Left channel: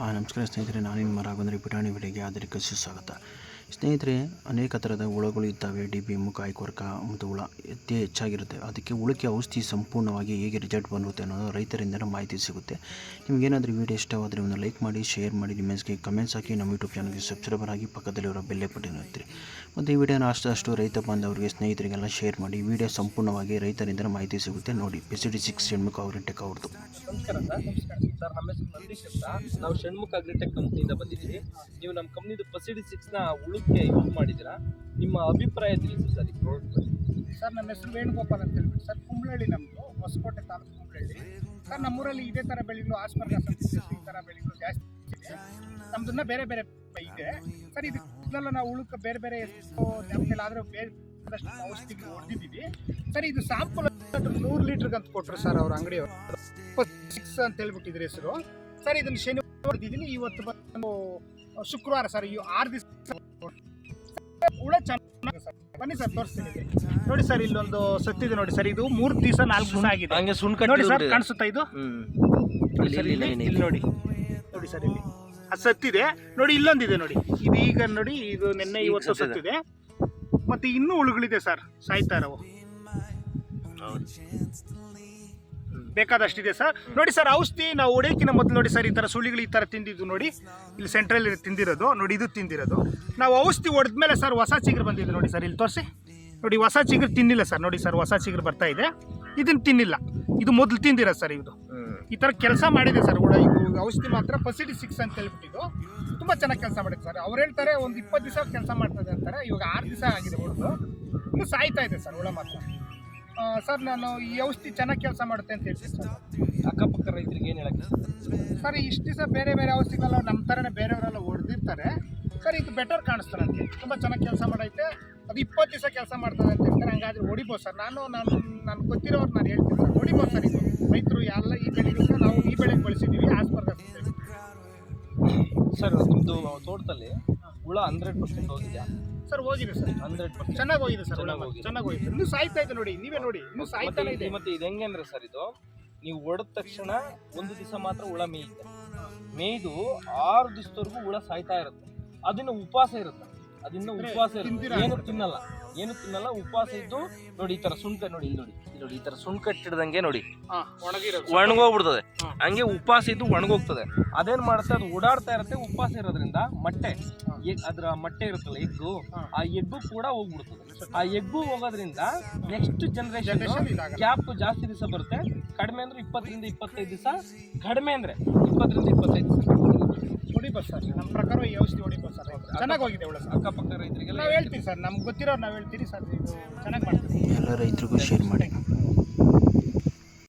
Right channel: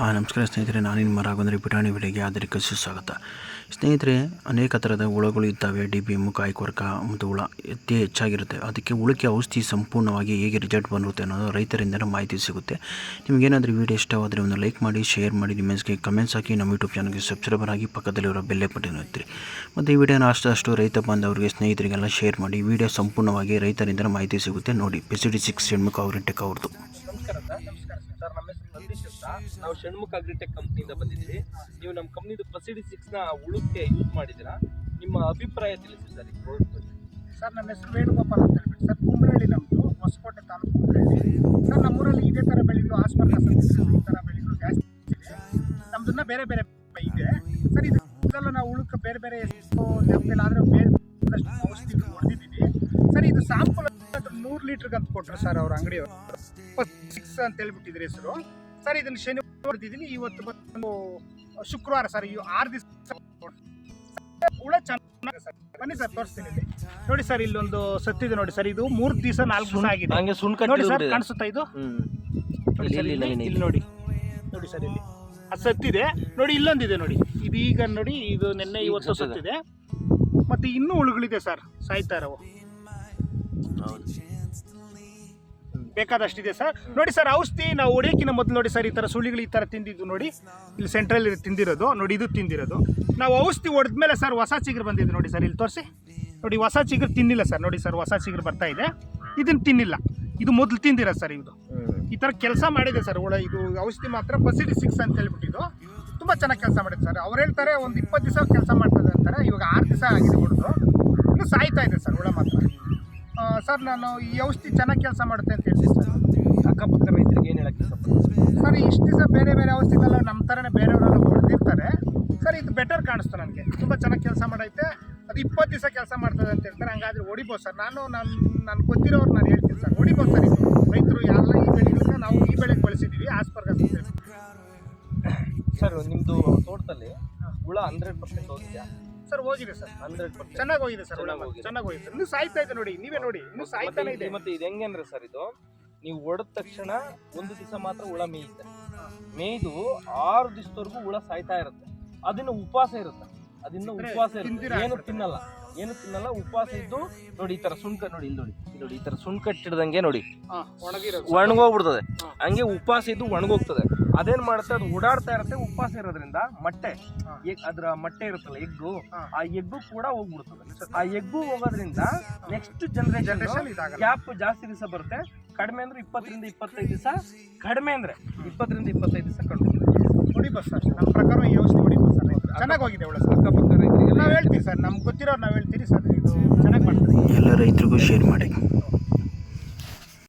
ನಮಸ್ಕಾರ ಸ್ನೇಹಿತರೆ, ನಾನು ನಿಮ್ಮ ರಾಘವೇಂದ್ರ ಪುಟಾಣಿ ವಿಡಿಯೋಗೆ ಆದರಿಕ ಸುಸ್ವಾಗತ. ಸ್ನೇಹಿತರೆ, ಅನೇಕ ಥರದ ಹುಳುಗಳು ಇದ್ದಾವೆ. DBM, ಕಾಯಿಕೊರಕ ಮತ್ತು ಹುಳ ಅತಿ ಹೆಚ್ಚಾಗಿರುತ್ತೆ. ಅದಕ್ಕೆ ಹುಳಕ್ಕೆ ಔಷಧಿ ಸಂಪೂರ್ಣವಾಗಿ ಹೇಗೆ ರಿಸಲ್ಟ್ ಬರುತ್ತೆ ಅನ್ನೋದು ರೈತರಿಂದಲೇ ಮಾಹಿತಿ ಸಿಗುತ್ತೆ. ನಿಮಗೇನಾದರೂ ವಿಡಿಯೋ ಇಷ್ಟವಾದರೆ ಒಂದು ಲೈಕ್ ಮಾಡಿ, ಶೇರ್ ಮಾಡಿ, ನಿಮ್ಮ ಮೆಸೇಜ್ಗೆ ಕಮೆಂಟ್ಸ್ ಹಾಕಿ, ನಮ್ಮ ಯೂಟ್ಯೂಬ್ ಚಾನಲ್ಗೆ ಸಬ್ಸ್ಕ್ರೈಬರ್ ಆಗಿ ಪಕ್ಕದಲ್ಲಿರೋ ಬೆಲ್ ಬಟನ್ ಒತ್ತಿರಿ. ಮತ್ತು ಈ ವಿಡಿಯೋನ ಅಷ್ಟು ರೈತ ಬಾಂಧವರಿಗೆ ಸ್ನೇಹಿತರಿಗೆಲ್ಲ ಶೇರ್ ಮಾಡಿ. ವಿಡಿಯೋ ಸಂಪೂರ್ಣವಾಗಿ ರೈತರಿಂದ ಮಾಹಿತಿ ಸಿಗುತ್ತೆ ನೋಡಿ. PCD6 ಷಣ್ಮುಖ ಅಗ್ರಿಟೆಕ್ ಅವ್ರದ್ದು. ನಮಸ್ಕಾರ ಸರ್, ನಮ್ಮ ಹೆಸರು ನಂದೀಶ್ ಅಂತ. ನಾವು ಷಣ್ಮುಖ ಅಗ್ರಿಟೆಕ್ ಕಂಪ್ನಿಯಿಂದ ಬಂದಿದ್ದೀವಿ. ನೀವು ನಮ್ಮ ಕಂಪ್ನಿದು PCD6ನ ಉಳುಕ್ಕೆ ಯೂಸ್ ಮಾಡಿದ್ದೀರಾ? ನಿಮ್ಮ ಅಭಿಪ್ರಾಯ ತಿಳಿಸಿ ಸರ್ ಈ ಪ್ರಾಡಕ್ಟ್ ಬಗ್ಗೆ. ಸರ್, ನನ್ನ ಹೆಸರು ವೇಣುಗೋಪಾಲ್ ಅಂತ ಹೇಳ್ಬಿಟ್ಟು ಸರ್. ಕುಂಬಳಹಳ್ಳಿ ನಮ್ಮದು, ಹೊಸಕೋಟೆ ತಾಲೂಕು ಕುಂಬಳಹಳ್ಳಿ ಸರ್. ನಮ್ಮೂರಲ್ಲಿ ಇದೇ ಥರ ಬೆಳೆಗಳು, ಆಸ್ಪರ್ಗಸ್ ಈ ಥರ ಬೆಳೆಗಳು ಜಾಸ್ತಿ ಇದೆ. ನಮ್ಮದನ್ನ ಬೇರೆ ಬೇರೆ ಇದೆ ಸರ್. ಇದೆಲ್ಲ ನಾವು ಉಳುಕ್ಕೆ ಬೇರೆ ಬೇರೆ ಎಷ್ಟು ಆದರೆ ಬೇರೆ ಔಷಧಿ ಹೊಡೆದಿದ್ದೀವಿ ಸರ್. ಇದು ಸ್ಯಾಂಪಲ್ 100 ಲೀಟ್ರಿಗೆ ಅಂತ ಕೊಟ್ಟರು ಸರ್ ಅವ್ರ ಅಂಗಡಿಯವರು. 6 ಅಂತ ಹೇಳ್ಬಿಟ್ಟಿದ್ರು ಹೆಸರು ಸರ್. ಇದನ್ನು ಶನಿವಾರ ಹೊಡೆದಿದ್ದೀನಿ, ಇವತ್ತು ಬಂದು ಶುಕ್ರವಾರ ಸರ್. ಈ 6 ದಿವಸ ಹುಳ ಚೆನ್ನಾಗಿದೆ ಸರ್. ಬನ್ನಿ ಸರ್, ತೋರಿಸ್ತೀನಿ ನೋಡಿ ಸರ್. ಇಲ್ಲೊಂದು ಸತ್ತಿದೆ ನೋಡಿ ಸರ್. ಇದು 3 ದಿವಸ 4 ದಿವಸ ಆಗಿದೆ ನೋಡಿ ಸರ್. ಕಾಣಿಸುತ್ತಾ ಇದು? ಇಲ್ಲಿ ನೋಡಿ ಸರ್, ಇಲ್ಲಿ ಅದು ಸತ್ತಿದೆ ನೋಡಿ. ಇಲ್ಲೊಂದಿದೆ ನೋಡಿ, ಇದು ಈಗ ನೋಡಿ, ಇದು ನಿನ್ನೆ ಇವತ್ತು ಸತ್ತಿದೆ. ಮತ್ತೆ ಇನ್ನೂ ಹುಳುಗಳಿದೆ ಸರ್, ಸಾಯ್ತಾ ಇರೋವು ಬೇಕಾದಷ್ಟಿದೆ ಸರ್. ನೋಡಿ ಸರ್, ಔಷಧಿ ನಾವು ಹೊಡಿಯೋಕ್ಕಿಂತ ಮೊದಲು ನೋಡಿ ಸರ್, ಈ ಥರ ಸುಳಿಗಳು ಈ ಥರ ತಿಂದಿದ್ದು ನೋಡಿ. ಇಲ್ಲಿ ಸೆಂಟ್ರಲ್ ತಿಂದಿರೋದು ನೋಡಿ, ಇದು ತಿಂದಿರೋದು. ನಾವು ಔಷಧಿ ಹೊಡೆದ್ಮೇಲೆ ಸರ್ ಹೊಸ ಚಿಗುರು ಬಂದಿದೆ ನೋಡಿ ಸರ್. ಇಲ್ಲಿ ತೋರಿಸಿ ನೋಡಿ, ಹೊಸ ಚಿಗುರು ತಿನ್ನಿಲ್ಲ ಸರ್. ನೋಡಿ ಸರ್, ಹೊಸ ಚಿಗುರು ಬರ್ತಾ ಇದೆ. ಇದನ್ನು ತಿನ್ನಿಲ್ಲ, ಇದು ಮೊದಲು ತಿಂದಿರೋದು ಸರ್. ಇದು ಈ ಥರ ಕೆಲಸ ಮಾಡಿದೆ ಸರ್ ಹುಳ. ಇದು ಔಷಧಿ ಮಾತ್ರ PCD6 ಅಂತ ಹೇಳ್ಬಿಟ್ಟಿದ್ದು ತುಂಬ ಚೆನ್ನಾಗಿ ಕೆಲಸ ಮಾಡಿದೆ ಸರ್. ಅವ್ರು ಹೇಳ್ತಾರೆ ಒಂದು 20 ದಿವಸ ಕೆಲಸ ಮಾಡ್ತದೆ ಅಂತಾರೆ. ಇವಾಗ 6 ದಿವಸ ಆಗಿದೆ ಹೊಡೆದು, ಇನ್ನು ಸಾಯ್ತಾ ಇದೆ ಸರ್ ಹುಳ ಮಾತ್ರ. ಸರ್, ನಾನು ಈ ಔಷಧಿ ಚೆನ್ನಾಗಿ ಕೆಲಸ ಮಾಡುತ್ತೆ ಅಂತ ಹೇಳ್ತೀನಿ ಸರ್. ಅಕ್ಕಪಕ್ಕ ರೈತರಿಗೆ ಏನು ಹೇಳಕ್ಕೆ ಸರ್? ಇಷ್ಟು ದಿವಸ ಬೇರೆ ಬೇರೆ ಔಷಧಿಗೆಲ್ಲ ನಮ್ಮ ಥರನೇ ಬೇರೆಯವರೆಲ್ಲ ಹೊಡೆದಿರ್ತಾರೆ ಸರ್. ಇದು ಬೆಟರ್ ಕಾಣಿಸ್ತು ನನಗೆ, ತುಂಬ ಚೆನ್ನಾಗಿ ಕೆಲಸ ಮಾಡೈತೆ. ಅದು 20 ದಿವಸ ಕೆಲಸ ಮಾಡ್ತದೆ ಅಂತ ಹೇಳ್ತಾರೆ. ಹಂಗಾದ್ರೆ ಹೊಡಿಬೋದು ಸರ್. ನಾನು ಗೊತ್ತಿರೋರು ನಾನು ಹೇಳ್ತೀನಿ ಸರ್, ಹೊಡಿಬೋದು ಸರ್. ಇದು ರೈತರು ಎಲ್ಲ ಈ ಬೆಳೆಗಳನ್ನ ನಾವು ಈ ಬೆಳೆಗೆ ಬಳಸಿದ್ದೀವಿ, ಆಸ್ಪರ್ಗಸ್ ಸರ್. ನಿಮ್ಮದು ತೋಟದಲ್ಲಿ ಹುಳ 100% ಹೋಗಿದೆಯಾ ಸರ್? ಹೋಗಿದೆ ಸರ್, 100% ಚೆನ್ನಾಗಿ ಹೋಗಿದೆ ಸರ್. ಚೆನ್ನಾಗಿ ಹೋಗಿದೆ. ಇನ್ನೂ ಸಾಯ್ತಾ ಇದೆ ನೋಡಿ, ನೀವೇ ನೋಡಿ, ಇನ್ನೂ ಸಾಯ್ತಾನೆ ಇದೆ. ಮತ್ತೆ ಇದು ಹೆಂಗೆ ಅಂದ್ರೆ ಸರ್, ಇದು ನೀವು ಹೊಡೆದ ತಕ್ಷಣ 1 ದಿವಸ ಮಾತ್ರ ಹುಳ ಮೇಯುತ್ತೆ. ಮೇಯ್ದು 6 ದಿವಸದವರೆಗೂ ಹುಳ ಸಾಯ್ತಾ ಇರುತ್ತೆ. ಅದನ್ನ ಉಪವಾಸ ಇರುತ್ತೆ. ಏನು ತಿನ್ನಲ್ಲ, ಉಪವಾಸ ಇದ್ದು ನೋಡಿ. ಈ ತರ ಸುಣ್ಕ ನೋಡಿ, ಇಲ್ಲಿ ನೋಡಿ, ಈ ತರ ಸುಣ್ಕ ಹಿಡ್ದಂಗೆ ನೋಡಿ ಒಣಗೋಗ್ಬಿಡ್ತದೆ. ಹಂಗೆ ಉಪವಾಸ ಇದ್ದು ಒಣಗೋಗ್ತದೆ. ಅದೇನ್ ಮಾಡುತ್ತೆ, ಅದು ಓಡಾಡ್ತಾ ಇರುತ್ತೆ. ಉಪವಾಸ ಇರೋದ್ರಿಂದ ಅದ್ರ ಮೊಟ್ಟೆ ಇರುತ್ತಲ್ಲ, ಎಗ್ಗು, ಆ ಎಗ್ಗು ಕೂಡ ಹೋಗ್ಬಿಡ್ತದೆ. ಆ ಎಗ್ಗು ಹೋಗೋದ್ರಿಂದ ನೆಕ್ಸ್ಟ್ ಜನರೇಷನ್ ಗ್ಯಾಪ್ ಜಾಸ್ತಿ ದಿವಸ ಬರುತ್ತೆ. ಕಡಿಮೆ ಅಂದ್ರೆ 20ರಿಂದ 25 ದಿವಸ, ಕಡಿಮೆ ಅಂದ್ರೆ 20ರಿಂದ 25 ದಿವಸ ಹೊಡಿಬೋದು ಸರ್. ನಮ್ಮ ಪ್ರಕಾರ ಈ ಔಷಧಿ ಹೊಡಿಬೋದು ಸರ್. ಚೆನ್ನಾಗಿ ಹೋಗಿದೆ ಒಳ್ಳೆ ಸರ್. ಅಕ್ಕಪಕ್ಕ ರೈತರಿಗೆ ನಾವು ಹೇಳ್ತೀವಿ ಸರ್, ನಮ್ಗೆ ಗೊತ್ತಿರೋರು ನಾವು ಹೇಳ್ತೀರಿ ಸರ್. ಇದು ಚೆನ್ನಾಗಿ ಮಾಡ್ತೀವಿ. ಎಲ್ಲ ರೈತರಿಗೂ ಶೇರ್ ಮಾಡಿ.